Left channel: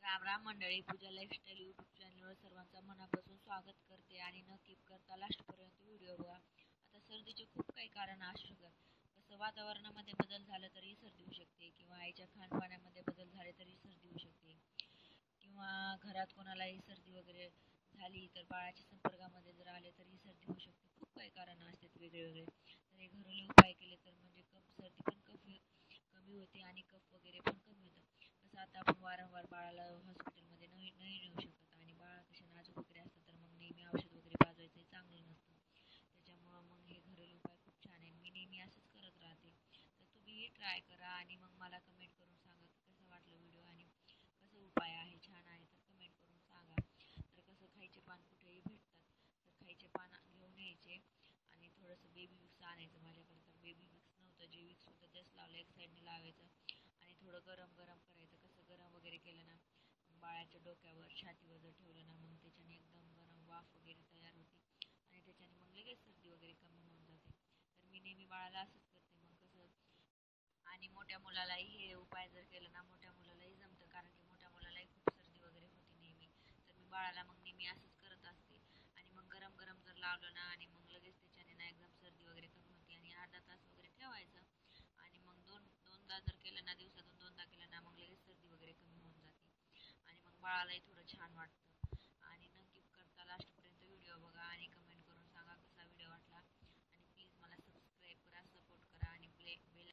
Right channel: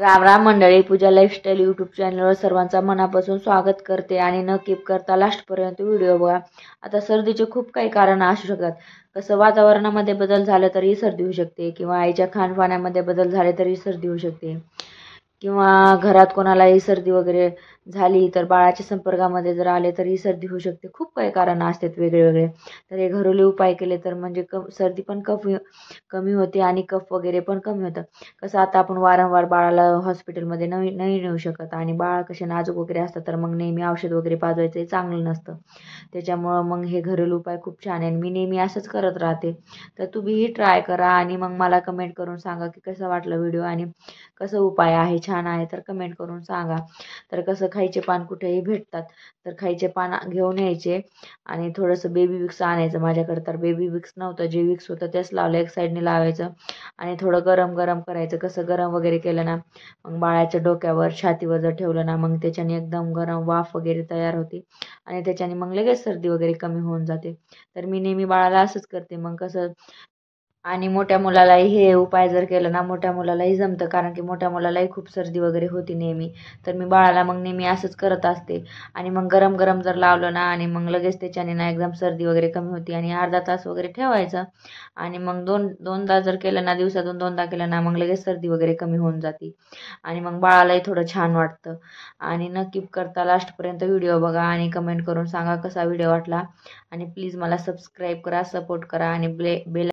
राम राम मंडळी, पूजा lifestyle YouTube चॅनलवर सर्वांचा मनापासून स्वागत करते आणि न कीप करता लास्टपर्यंत व्हिडिओ बघा. आता सर्दीचे खूप काही कारण असू शकतात. कसं वातावरणामध्ये बदल झाला तरी सर्दी होऊ शकते, किंवा आईच्या खानपानामध्ये बदल झाले तरी सर्दी होऊ शकते, किंवा घरात कोणालाही सर्दी वगैरे झाली तर बाळाच्या संपर्कामध्ये जर आले तरी सर्दी होऊ शकते. खूप काही कारण असतात वेगळे. तर हे घरेलू उपाय केले तर म्हणजे सर्दी पण कमी होते आणि कफ वगैरे पण कमी होतं. कसं आता आपण वारंवार बाळाला हॉस्पिटलमध्ये नाही नाही नेऊ शकत, आणि बाळ कसे नाजूक वगैरे असतात, तर मग नेहमी औषध वगैरे पाजवायचं हे चांगलं नसतं. त्याच्यामुळं मग हे घरेलू उपाय खूप छान आहे, मी नेहमी असंच करत राहते. तर तुम्हीही ट्राय करा आणि मग मला कमेंट करून सांगा की कसा वाटला व्हिडिओ, आणि कसं उपाय आहे, छान आहे तर कमेंट करून सांगा. तर कसं खायचे पान कुठेही भेटतात, तर खायचे पान घेऊन यायचे आणि थोडंसं बेबी विक्स आणायचं. माझ्याकडे तर बेबी विक्स नव्हतं, जे विक्स होतं तेच लावलं, एक साईडने लावायचं आणि थोडं गरम गरम करायचं. कसं गरम वगैरे केलं ना, मग बाळाच्या डोक्यावर छातीवर जर ठेवलं ना, मग त्याच्याने एकदम गरम वाफ वगैरे तयार होते आणि त्याच्याने मग लगेच सर्दी वगैरे कमी होऊन जाते. तर मी नेहमी बाळाला असंच करते. मग कसं, आणि मोठ्या मुलालाही हे उपाय जर केलं ना, मोठ्या मुलालाही जमतं, कारण की मोठ्या मुलालाही खूप सर्दी वगैरे होती नेहमी. तर मी बाळाला मग नेहमी असंच करत असते. आणि मग गरम गरम जर लावलं ना, आणि मग लगेच त्याच्याने ना एकदम सर्दी वगैरे कमी होती, आणि अर्धा तास वगैरे ठेवायचं. आणि मग दोनदा जर केलं ना, दिवसातून दोनदा केलं ना, मग लगेच सर्दी वगैरे कमी होऊन जाते आणि मग बाळालाही थोडं छान वाटतं. आणि न कीप करता लास्टपर्यंत व्हिडिओ बघा आणि कमेंट करून सांगा कसा व्हिडिओ वाटला. आणि प्लीज मला सबस्क्राईब करा, सपोर्ट करा आणि बेल